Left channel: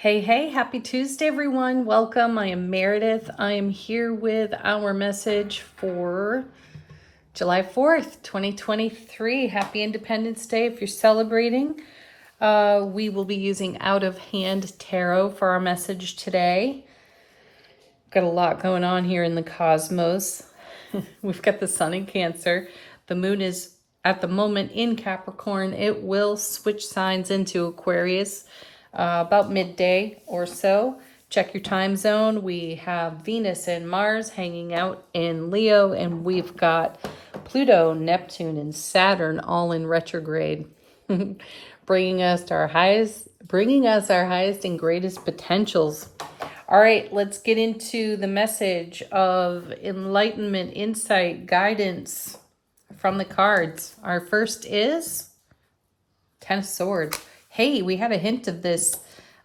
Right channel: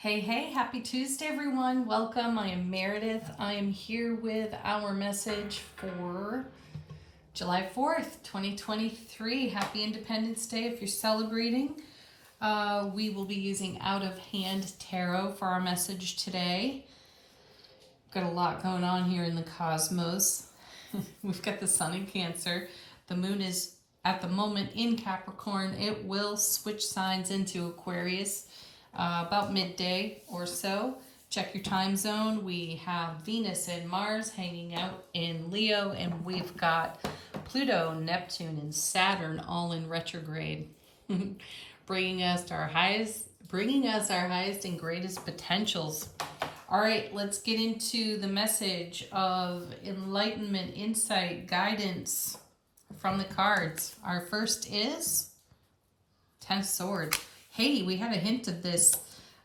Hey, hey, happy Tuesday, everyone. Welcome. I am Meredith. I am here with our message for July 4th, 2023. Happy Independence Day if you're celebrating. We will be using Out of Hand Tarot for our message today. Got a lot going on here in the cosmos. We've got the sun in Cancer. The moon is at the moment in Capricorn. It will switch signs into Aquarius about midday or so. Check your time zone. We have Venus and Mars hanging out in Leo, and we've got Pluto, Neptune, and Saturn all in retrograde, bringing us our highest and greatest potentials. All right, let's get into the message of enlightenment, insight, guidance from the cards. Our first is Ten of Swords. Hey, we had a hint of this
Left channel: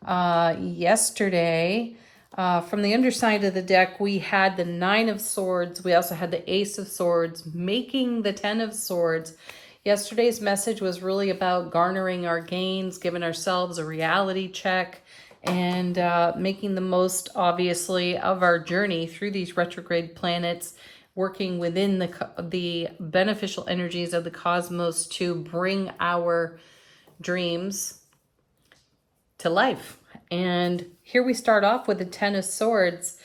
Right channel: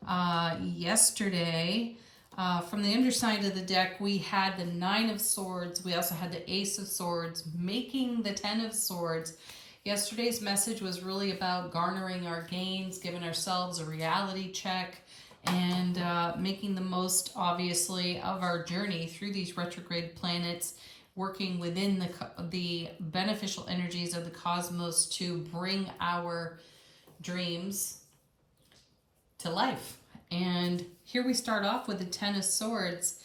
yesterday. From the underside of the deck, we had the Nine of Swords. We also had the Ace of Swords, making the Ten of Swords. Yesterday's message was really about garnering our gains, giving ourselves a reality check, and making the most, obviously, of our journey through these retrograde planets, working within the beneficial energies of the cosmos to bring our dreams to life. And here we start off with the Ten of Swords,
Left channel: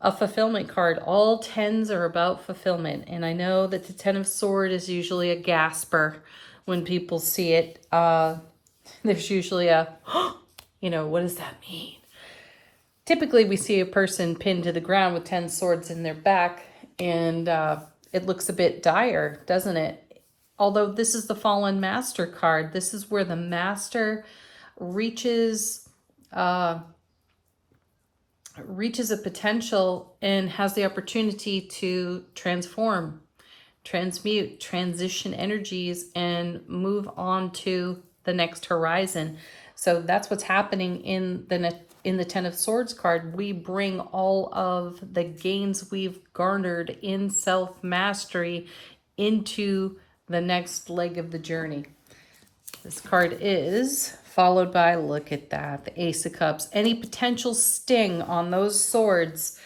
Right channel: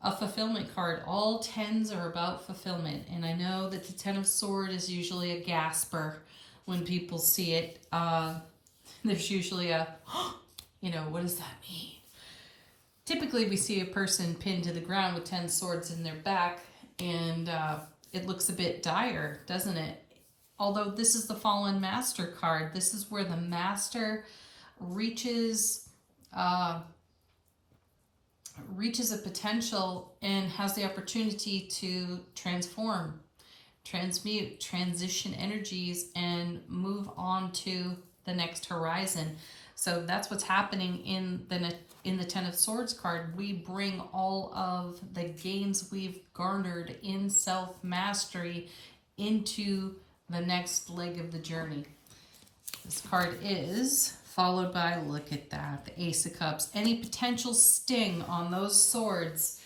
a fulfillment card. All tens are about fulfillment. And I know that the Ten of Swords is usually a gasper when people see it. There's usually a, what does that mean? Typically, we see a person pinned to the ground with 10 swords in their back, and it looks a bit dire, doesn't it? Although this is the Fallen Master card. This is where the Master reaches a potential and has the opportunity to transform, transmute, transition energies, and move on to the next horizon. So that's what's happening in the Ten of Swords card. We bring all of the gains we've garnered in self-mastery into the next leg of the journey. This card is followed by, look at that, the Ace of Cups. Any potential sting on those swords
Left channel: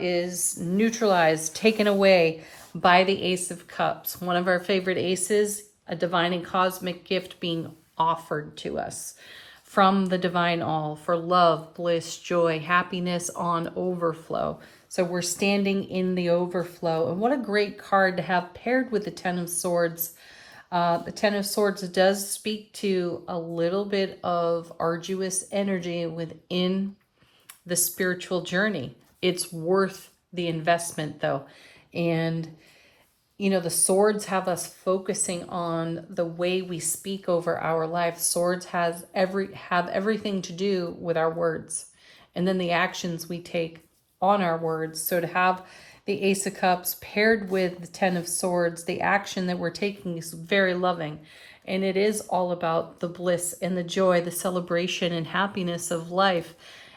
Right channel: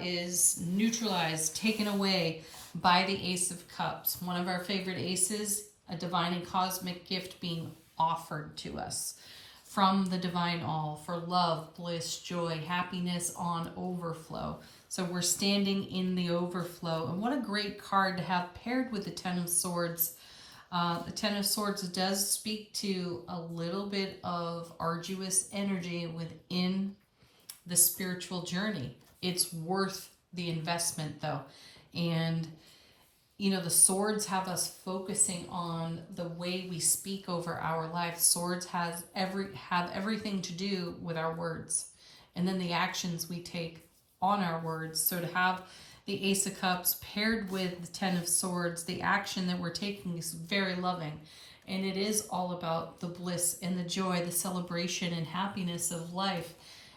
is neutralized, taken away by the Ace of Cups. One of our favorite aces, a divine and cosmic gift being offered to us from the divine all for love, bliss, joy, happiness on overflow. So we're standing in the overflow. And what a great card to have paired with the Ten of Swords. The Ten of Swords does speak to a little bit of arduous energy within the spiritual journey. It's worth the investment though. And the swords have us focusing on the way we speak over our life. Swords have everything to do with our words and then the actions we take on our words. So to have the Ace of Cups paired with the Ten of Swords, the action that we're taking is very loving. And it is all about the bliss and the joy, the celebration and happiness of life.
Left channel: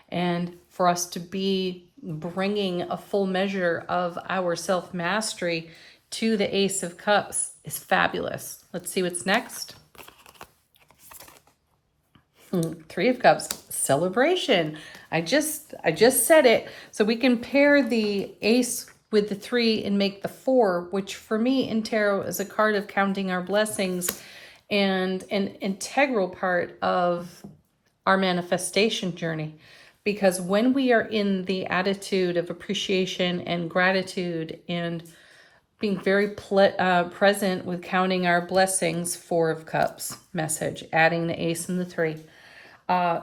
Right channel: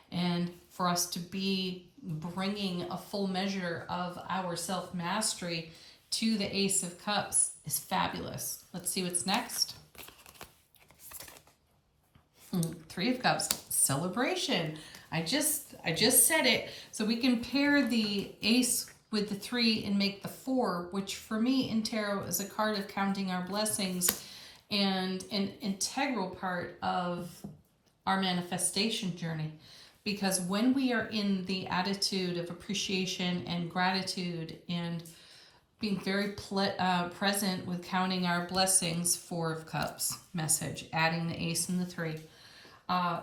And for us to be bringing a full measure of our self-mastery to the Ace of Cups is fabulous. Let's see what's next. Three of Cups, celebration. I just said it. So we can pair the Ace with the 3 and make the 4, which for me in tarot is a card of counting our blessings and an integral part of our manifestation journey. Because when we are in the attitude of appreciation and gratitude and being very present with counting our blessings, 4 of Cups message, adding the Ace and the 3.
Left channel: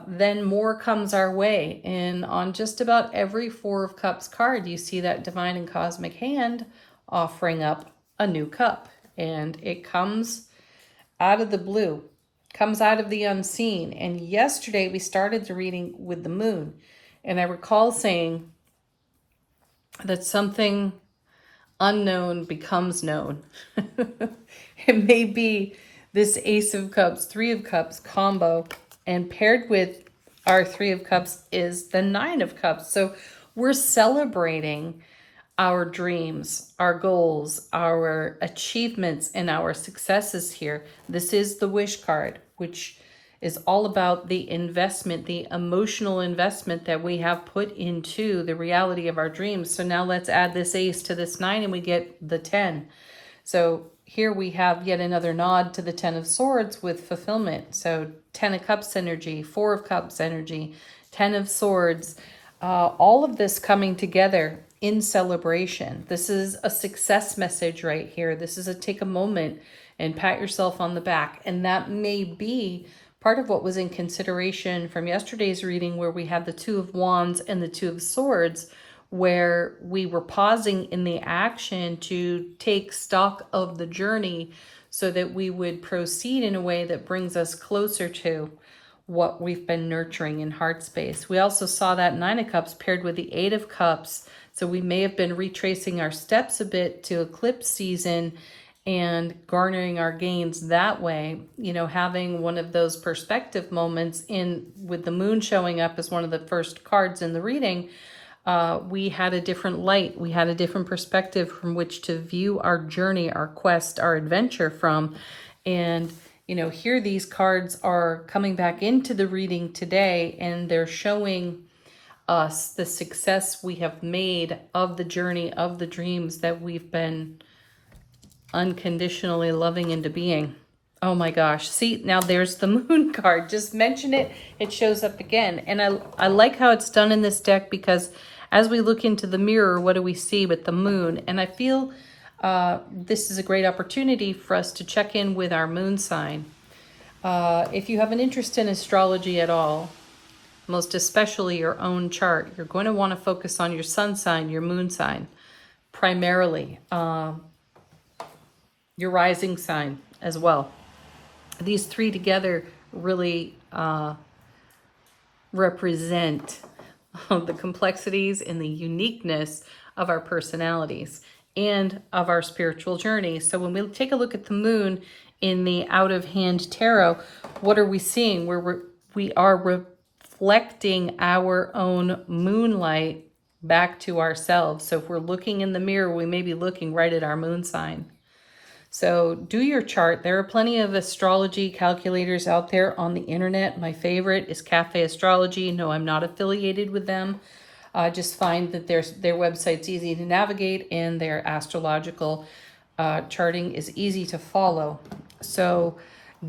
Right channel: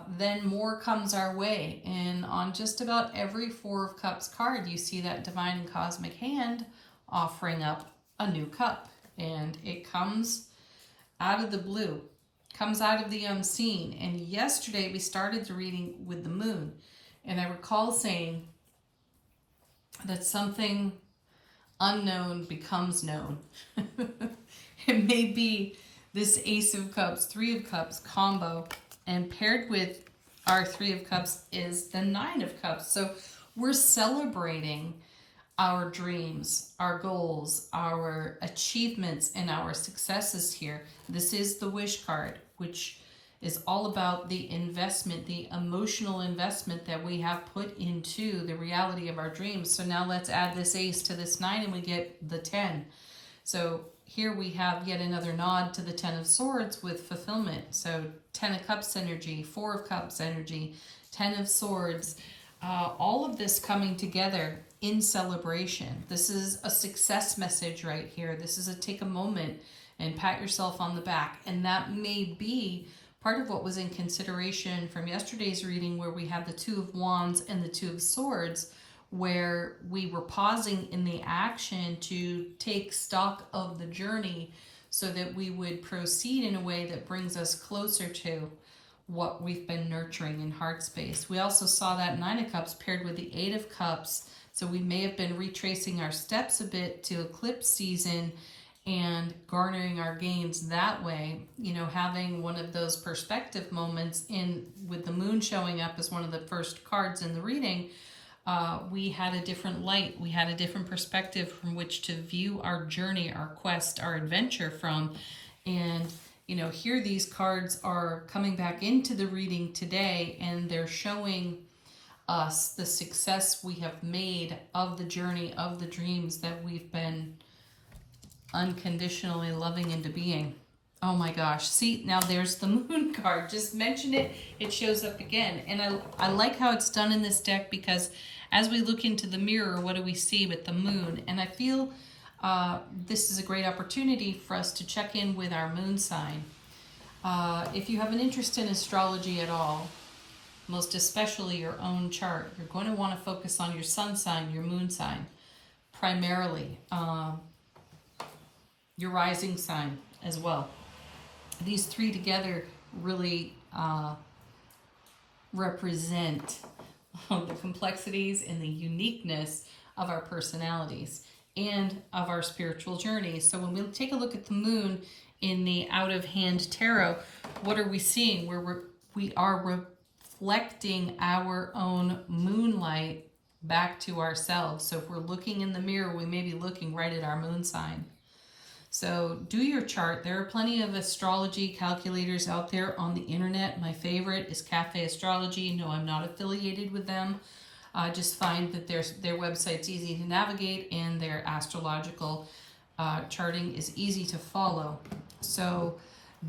Then more comes our way. And on just about every 4 of Cups card, you see that divine and cosmic hand offering up a new cup. And it comes out of the blue, comes out of the unseen. And yesterday we started the reading with the moon. And I recall saying that something unknown becomes known. It may be this Ace of Cups, 3 of Cups combo, and paired with our 3 of Cups is the 9 of Cups. So we're celebrating our dreams, our goals, our achievements, and our successes here. This is the wish card, which is all about the investment, the emotional investment that we have put into the reality of our dreams. So now let's add this ace to this 9 and we get the 10. So here we have yet another nod to the 10 of Swords with fulfillment. So 10 of Cups energy, 4 of Cups energy, 10 of Swords, all of this coming together in celebration. This is a success message right here. This is a take a moment and pat yourself on the back. And that may be part of what was in consideration from yesterday's reading, where we had the 2 of Wands and the 2 of Swords, where we were pausing in the action to take stock of the journey so that we would proceed in a way that brings us closer to what we've been nurturing in heart space. We also saw that 9 of Cups paired with the 8 of Cups. So we may have been retracing our steps a bit to eclipse season and garnering our gains that way, you know, having one of those perspective moments in with the moon showing up as one of the first cards in the reading. We had a different light. We had a different perspective from which to view our journey, our quest, our adventure from. And, you know, here these cards are coming back into the reading today, and they're showing us the success we have made of the journey, of the dreams that we've been unconditionally loving into being. Oh my gosh. See, now there's the moon card. Just mention it, it shows up again. And I like how it's done in this deck, because as we look into the mirror, what do we see with the moon? And I feel this is a great opportunity for us to check in with our moon sign. If you have an interest in astrology at all, most especially your own chart, you're going to want to focus on your sun sign, your moon sign, primarily. Your rising sign as well. These 3 together really represent the complexities and the uniqueness of our personalities and of our spiritual journey. So when we take a look at the moon in the out of hand tarot, what are we seeing? We are reflecting our own moonlight back to ourselves. So if we're looking in the mirror, we may be looking right at our moon sign. So do your chart. There are plenty of astrology calculators out there on the internet. My favorite is Cafe Astrology. No, I'm not affiliated with them. Just find that their website's easy to navigate, and their astrological charting is easy to follow. So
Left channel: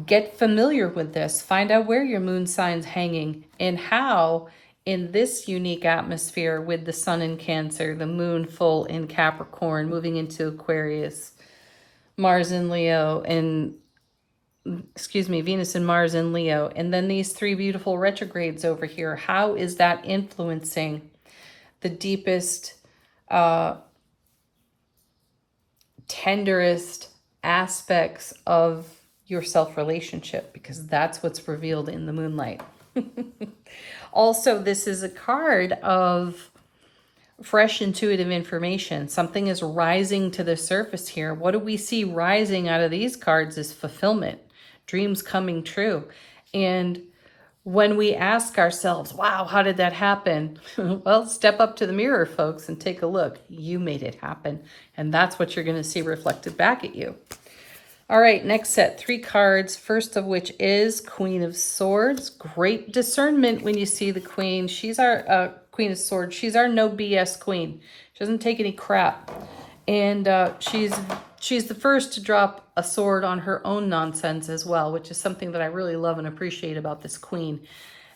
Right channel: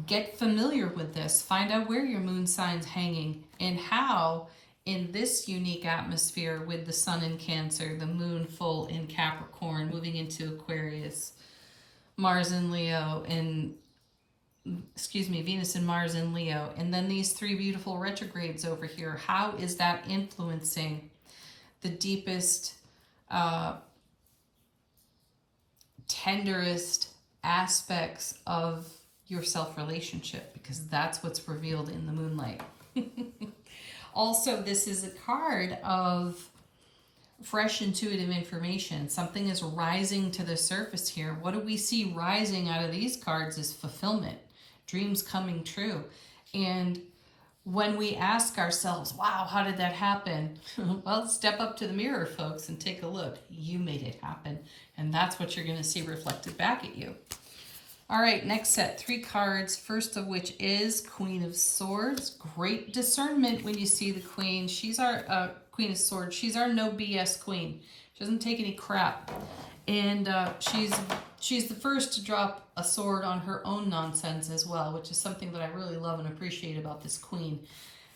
get familiar with this. Find out where your moon sign's hanging and how, in this unique atmosphere with the sun in Cancer, the moon full in Capricorn, moving into Aquarius, Mars in Leo, and Venus and Mars in Leo, and then these 3 beautiful retrogrades over here. How is that influencing the deepest, tenderest aspects of your self-relationship? Because that's what's revealed in the moonlight. Also, this is a card of fresh intuitive information. Something is rising to the surface here. What do we see rising out of these cards is fulfillment, dreams coming true. And when we ask ourselves, wow, how did that happen? Well, step up to the mirror, folks, and take a look. You made it happen. And that's what you're going to see reflected back at you. All right, next set, 3 cards. First of which is Queen of Swords. Great discernment when you see the Queen. She's our Queen of Swords. She's our no BS queen. She doesn't take any crap. And she's the first to drop a sword on her own nonsense as well, which is something that I really love and appreciate about this queen.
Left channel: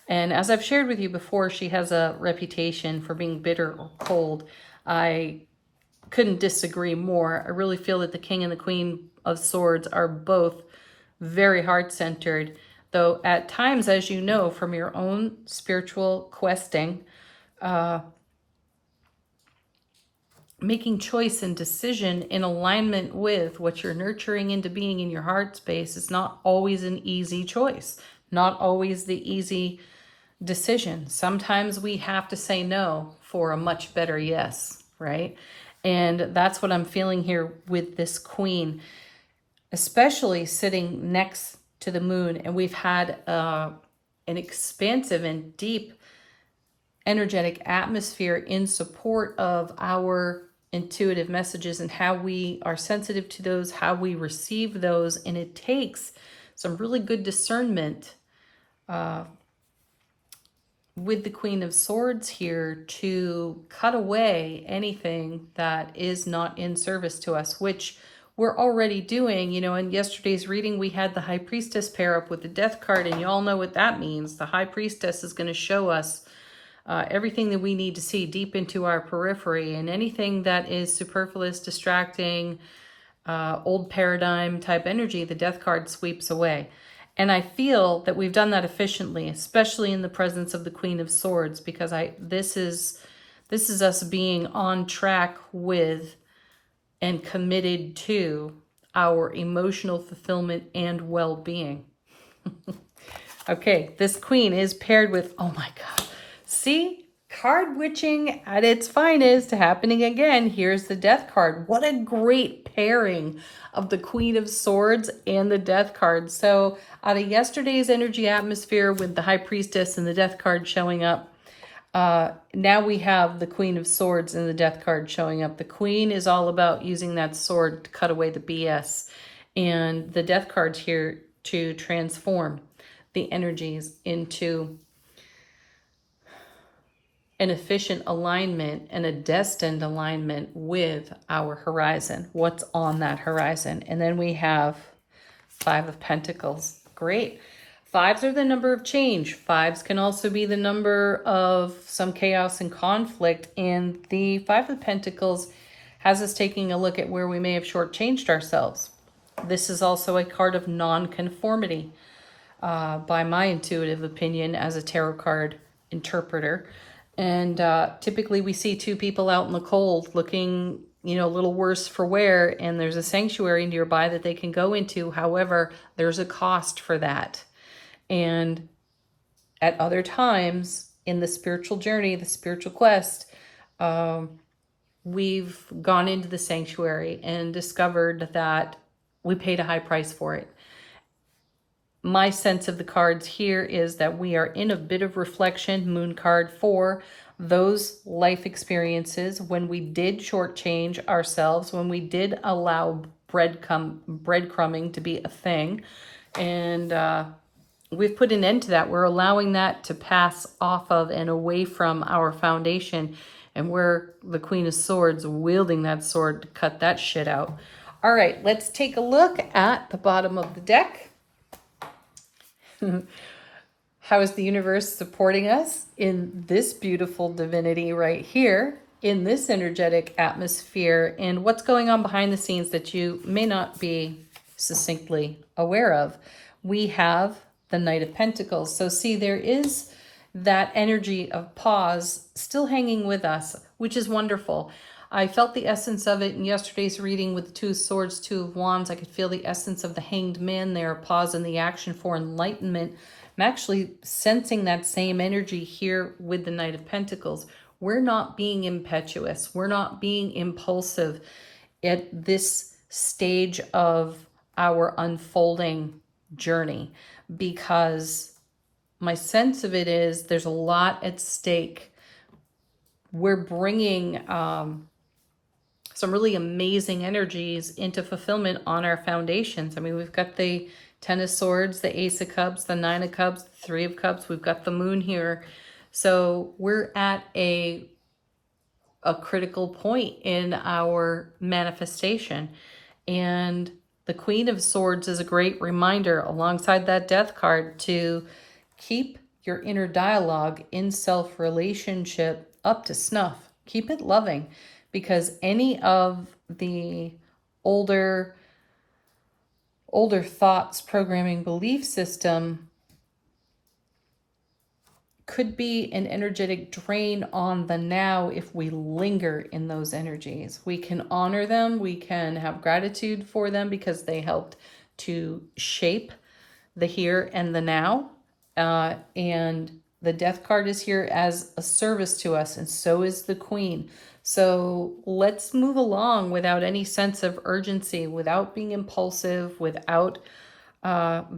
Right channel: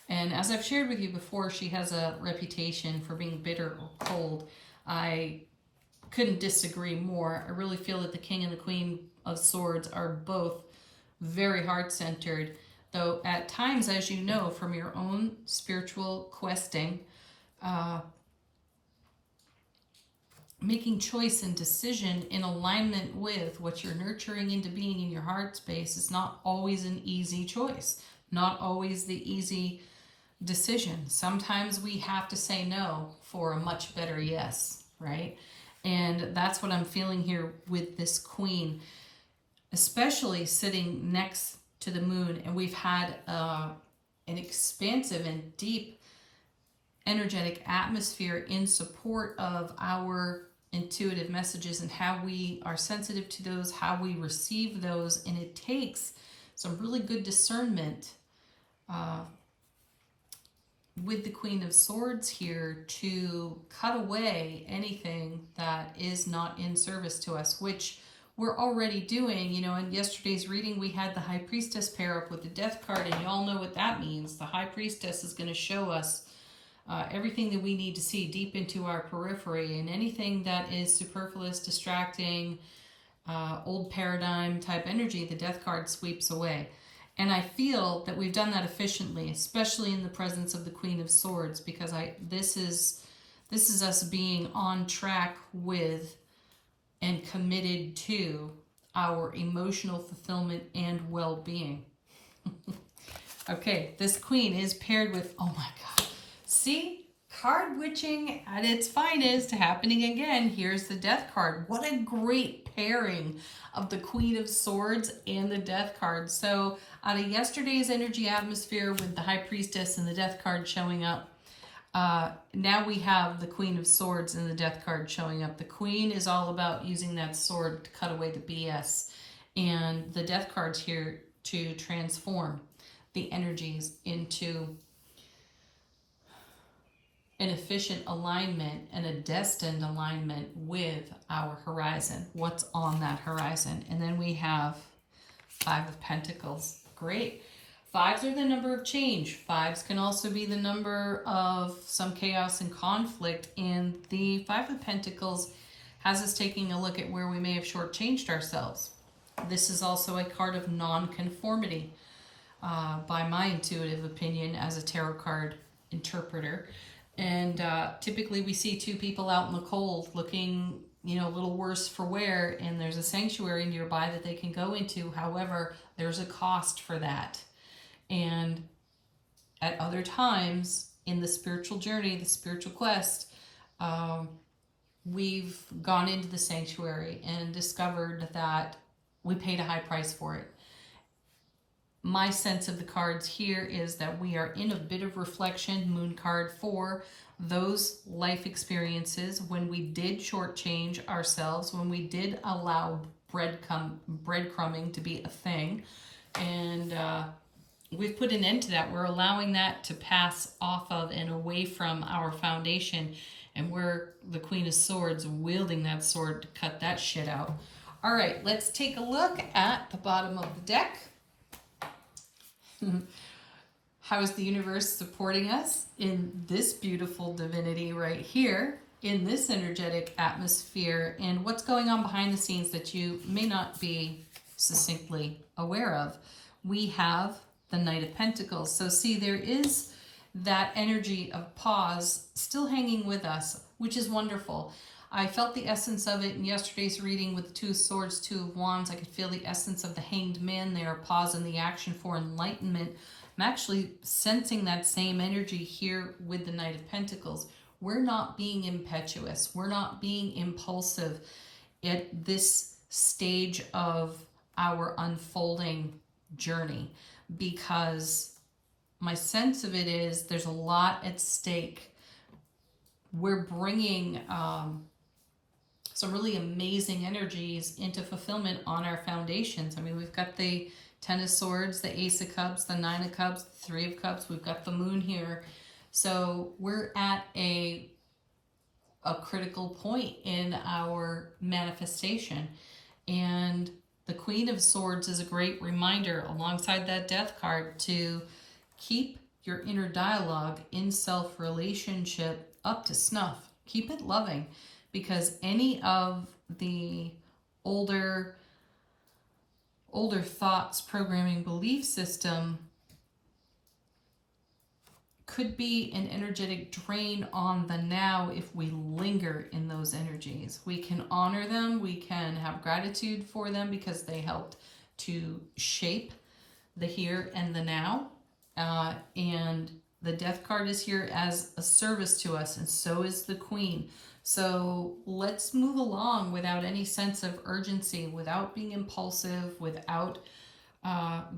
And as I've shared with you before, she has a reputation for being bitter or cold. I couldn't disagree more. I really feel that the King and the Queen of Swords are both very heart-centered, though at times, as you know from your own spiritual questing, making choice and decision in alignment with what you're nurturing into being in your heart space is not always an easy choice, not always the easy decision. Sometimes we have to say no for a much better yes, right? And that's what I'm feeling here with this queen, especially sitting next to the moon. And we've had an expansive and deep energetic atmosphere in support of our intuitive messages and how we are sensitive to those, how we receive those. And it takes some really good discernment with the Queen of Swords here to cut away anything that is not in service to us, which we're already doing. You know, in yesterday's reading, we had the High Priestess pair up with the Death card, and you all know what that means. The High Priestess is going to show us everything that we need to see deep into our periphery, and anything that is superfluous, distracting, old paradigm type energy, the Death card sweeps away. And I feel that we've done that efficiently, especially in the presence of the Queen of Swords, because this is us being on track with and committed to our emotional fulfillment and well-being. Okay, this queen is paired with, oh my God, see? Card witching at its finest happening again. Here's the Death card. What a great pairing of the Queen of Swords and the Death card. So out of yesterday's energy atmosphere with the High Priestess and the Death card showing up, now we have the Queen of Swords and the Death card showing up. The Queen is all about using that sword to cut away the BS. And the Death card's here to transform the energies into an efficient alignment and a destined alignment with our horizon. What's on that horizon? And then we have Five of Pentacles. Great. Fives are the number of change. Fives can also be the number of some chaos and conflict. And the Five of Pentacles has us taking a look at where we may have shortchanged ourselves. This is also a card of non-conformity, by my intuitive opinion as a tarot card interpreter. And typically we see two people out in the cold looking, you know, a little worse for wear, and there's a sanctuary nearby that they can go into. However, there's a cost for that. And at other times in the spiritual journey, the spiritual quest, we've gone into the sanctuary and discovered that we paid a high price for it. My sense of the cards here is that we are in a bit of reflection, Moon card, for those life experiences when we did shortchange ourselves, when we did allow breadcrumbing to be a thing. And we've put an end to that. We're allowing that to pass off of and away from our foundation. And we're the Queen of Swords wielding that sword to cut that shit out. All right, let's take a look at the bottom of the deck. How is the universe supporting us in this beautiful divinity right here, in this energetic atmosphere, and what's going on behind the scenes that you may not be succinctly aware of? We have the Knight of Pentacles. So see, there is that energy of pause still hanging with us, which is wonderful. I felt the essence of it in yesterday's reading with the Two of Swords, Two of Wands. I could feel the essence of the Hanged Man there, pause in the action for enlightenment. I'm actually sensing that same energy here with the Knight of Pentacles. We're not being impetuous. We're not being impulsive at this stage of our unfolding journey, because my sense of it is there's a lot at stake. We're bringing some really amazing energies into fulfillment on our foundations. I mean, we've got the Ten of Swords, the Ace of Cups, the Nine of Cups, the Three of Cups. We've got the Moon here. So we're at a critical point in our manifestation. And the Queen of Swords is a great reminder alongside that Death card to keep your inner dialogue in self-relationship up to snuff. Keep it loving, because any of the older thoughts, programming, belief system could be an energetic drain on the now if we linger in those energies. We can honor them. We can have gratitude for them because they helped to shape the here and the now. And the Death card is here as a service to us, and so is the Queen. So let's move along without any sense of urgency, without being impulsive, without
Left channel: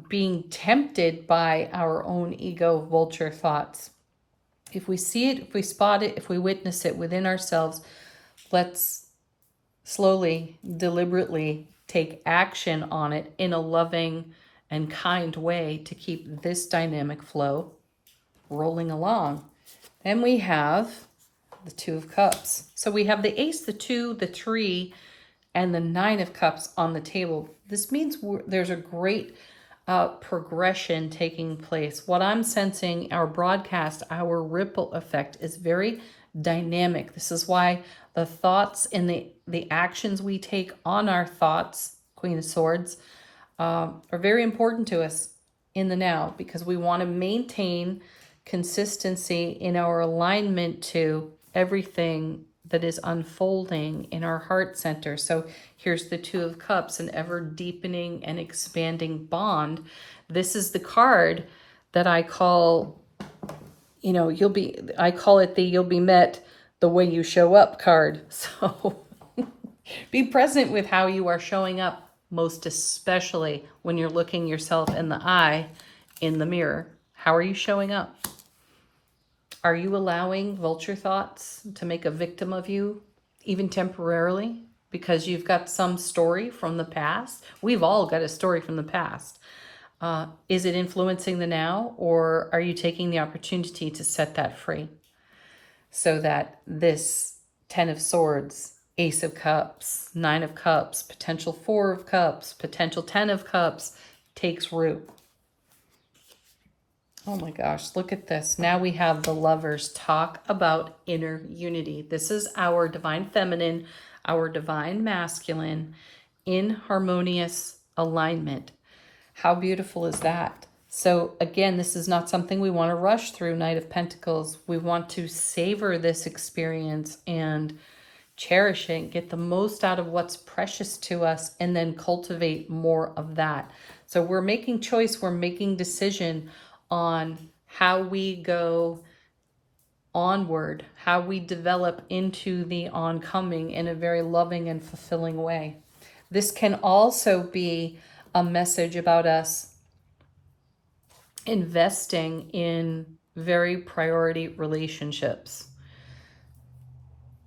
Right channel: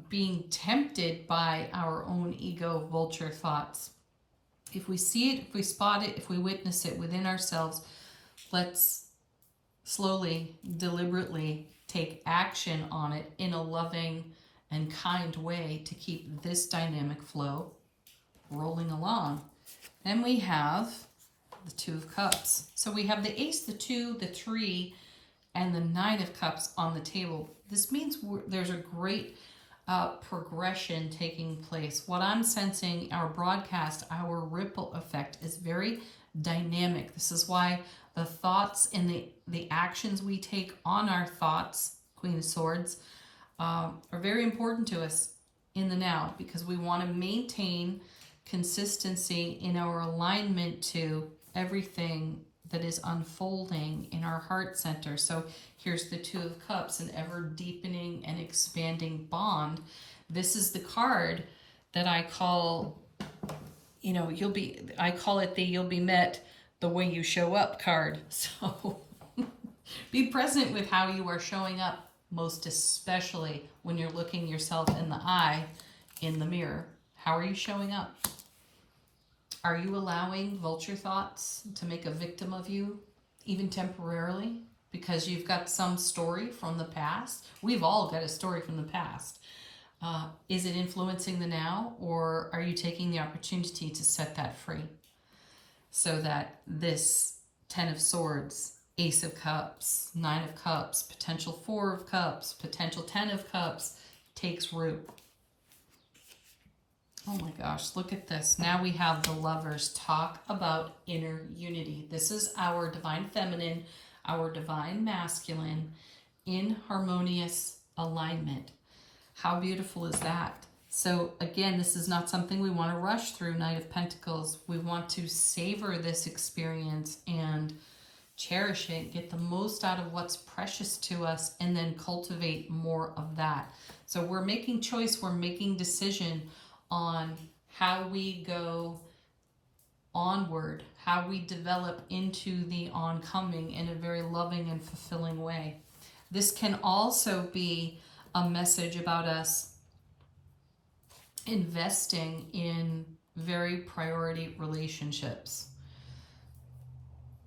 being tempted by our own ego vulture thoughts. If we see it, if we spot it, if we witness it within ourselves, let's slowly, deliberately take action on it in a loving and kind way to keep this dynamic flow rolling along. And we have the Two of Cups. So we have the Ace, the 2, the 3, and the 9 of Cups on the table. This means there's a great progression taking place. What I'm sensing, our broadcast, our ripple effect is very dynamic. This is why the thoughts and the actions we take on our thoughts, Queen of Swords, are very important to us in the now, because we want to maintain consistency in our alignment to everything that is unfolding in our heart center. So here's the Two of Cups, an ever deepening and expanding bond. This is the card that I call, I call it the you'll be met the way you show up card. So be present with how you are showing up, most especially when you're looking yourself in the eye in the mirror. How are you showing up? Are you allowing vulture thoughts to make a victim of you, even temporarily, because you've got some story from the past? We've all got a story from the past. Is it influencing the now, or are you taking the opportunity to set that free so that this 10 of Swords, Ace of Cups, 9 of Cups, potential 4 of Cups, potential 10 of Cups takes root? Oh my gosh, look at this. Now we have the Lovers. Talk about inner unity. This is our divine feminine, our divine masculine in harmonious alignment. How beautiful is that? So again, this is not something we want to rush through, Knight of Pentacles. We want to savor this experience and cherish it, get the most out of what's precious to us, and then cultivate more of that. So we're making choice, we're making decision on how we go onward, how we develop into the oncoming in a very loving and fulfilling way. This can also be a message about us investing in very priority relationships.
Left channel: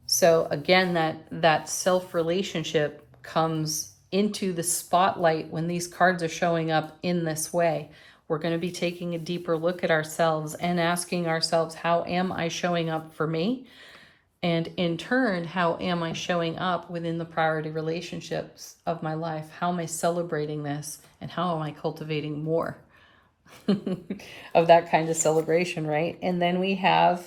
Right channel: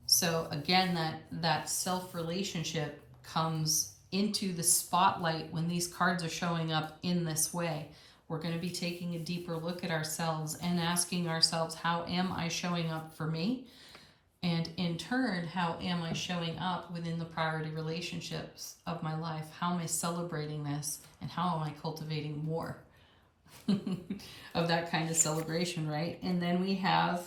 So again, that self-relationship comes into the spotlight when these cards are showing up in this way. We're going to be taking a deeper look at ourselves and asking ourselves, how am I showing up for me? And in turn, how am I showing up within the priority relationships of my life? How am I celebrating this? And how am I cultivating more of that kind of celebration, right? And then we have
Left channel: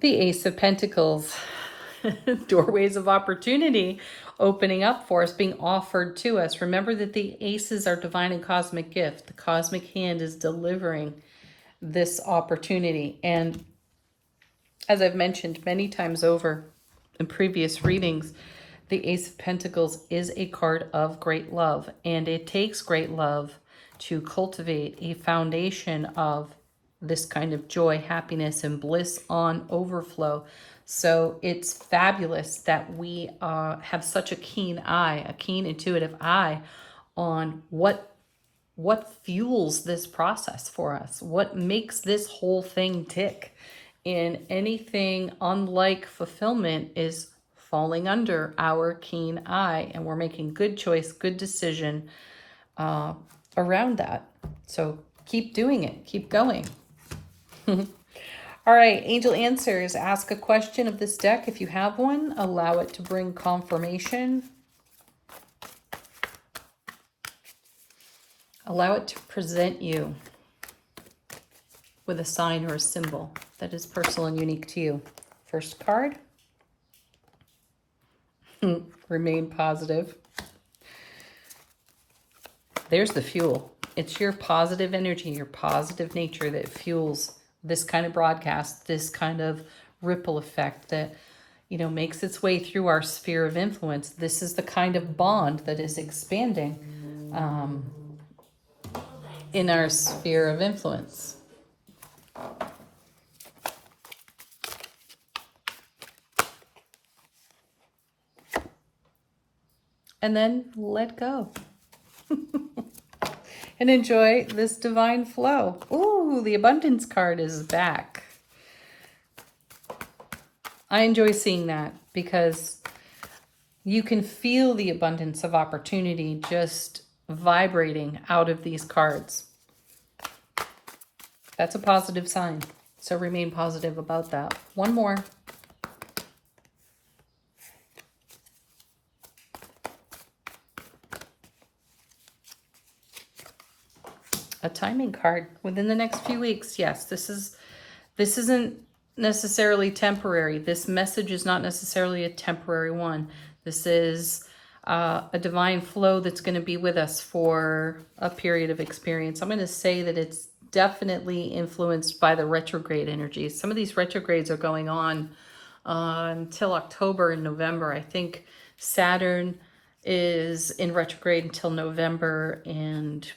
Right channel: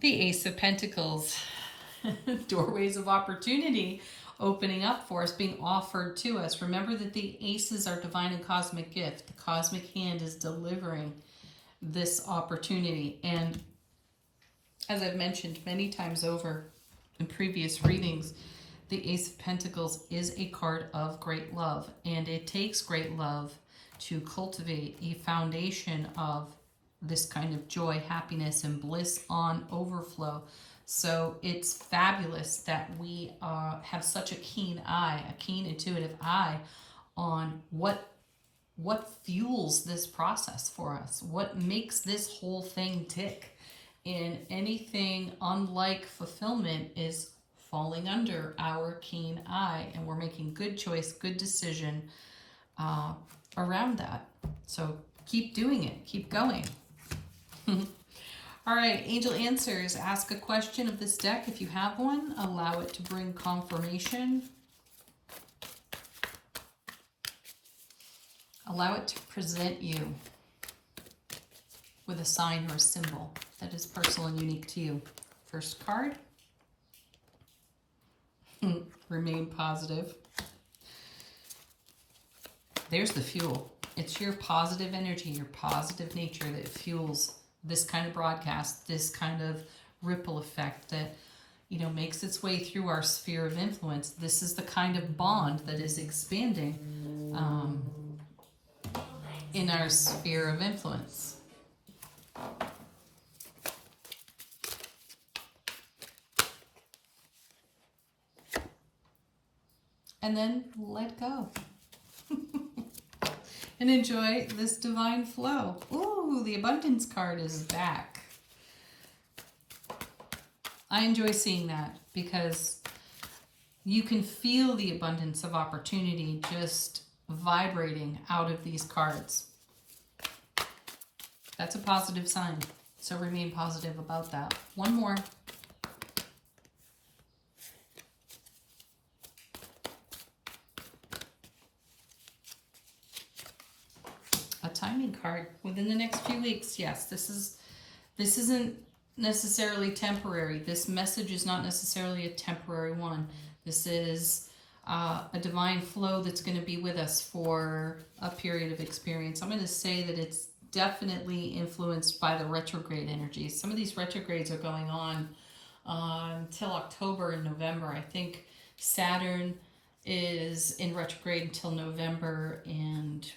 the Ace of Pentacles, doorways of opportunity opening up for us, being offered to us. Remember that the aces are divine and cosmic gift. The cosmic hand is delivering this opportunity. And as I've mentioned many times over in previous readings, the Ace of Pentacles is a card of great love. And it takes great love to cultivate a foundation of this kind of joy, happiness, and bliss on overflow. So it's fabulous that we have such a keen eye, a keen intuitive eye on what fuels this process for us, what makes this whole thing tick. And anything unlike fulfillment is falling under our keen eye, and we're making good choice, good decision around that. So keep doing it, keep going. All right, Angel Answers. Ask a question of this deck if you have one. Allow it to bring confirmation. Allow it to present you with a sign or a symbol that is personal and unique to you. First card. Remain positive. There's the fuel. It's your positive energy, your positive nature that fuels this kind of broadcast, this kind of ripple effect that, makes its way through our sphere of influence. This is the kind of bond that is expanding in our sphere of influence. And then let go. And enjoy this divine flow. Ooh, the abundance card is back. I enjoy seeing that because You can feel the abundance of opportunity just vibrating out of these cards. That's a positive sign. So remain positive about that. One more. A timing card within the next few weeks. Yes, this isn't necessarily temporary. This message is not necessarily a temporary one. This is a divine flow that's going to be with us for a period of experience. I'm going to say that it's definitely influenced by the retrograde energies. Some of these retrogrades are going on until October and November. I think Saturn is in retrograde until November, and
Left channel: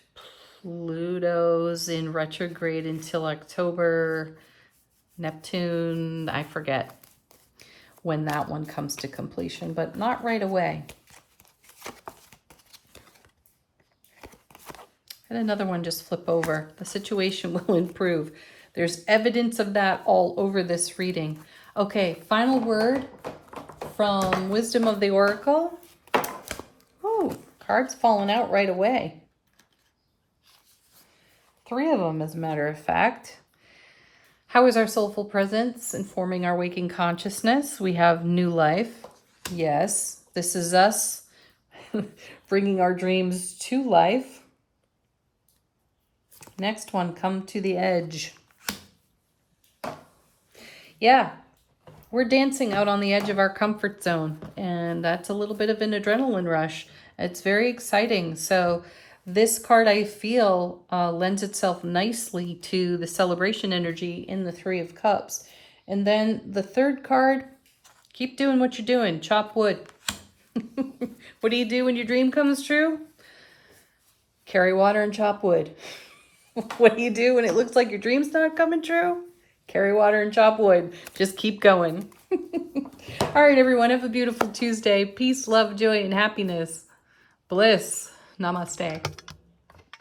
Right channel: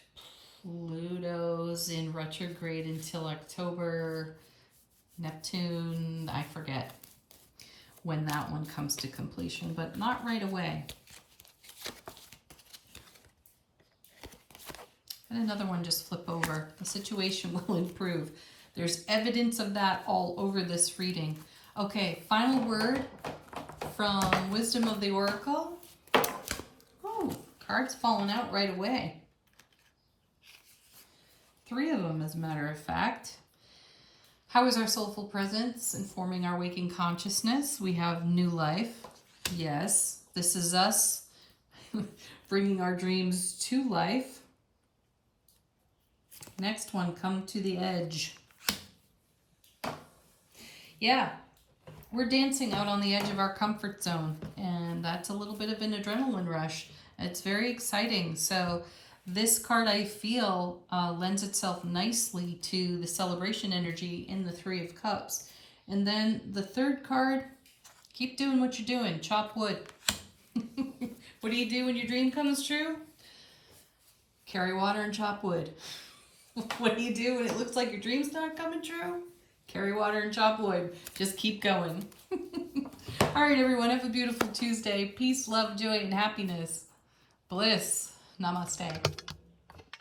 Pluto's in retrograde until October. Neptune, I forget when that one comes to completion, but not right away. And another one just flip over. The situation will improve. There's evidence of that all over this reading. Okay, final word from Wisdom of the Oracle. Oh, cards falling out right away. 3 of them, as a matter of fact. How is our soulful presence informing our waking consciousness? We have new life. Yes, this is us bringing our dreams to life. Next one, come to the edge. Yeah, we're dancing out on the edge of our comfort zone, and that's a little bit of an adrenaline rush. It's very exciting. So this card, I feel, lends itself nicely to the celebration energy in the 3 of Cups. And then the 3rd card, keep doing what you're doing. Chop wood. What do you do when your dream comes true? Carry water and chop wood. What do you do when it looks like your dream's not coming true? Carry water and chop wood. Just keep going. All right, everyone. Have a beautiful Tuesday. Peace, love, joy, and happiness. Bliss. Namaste.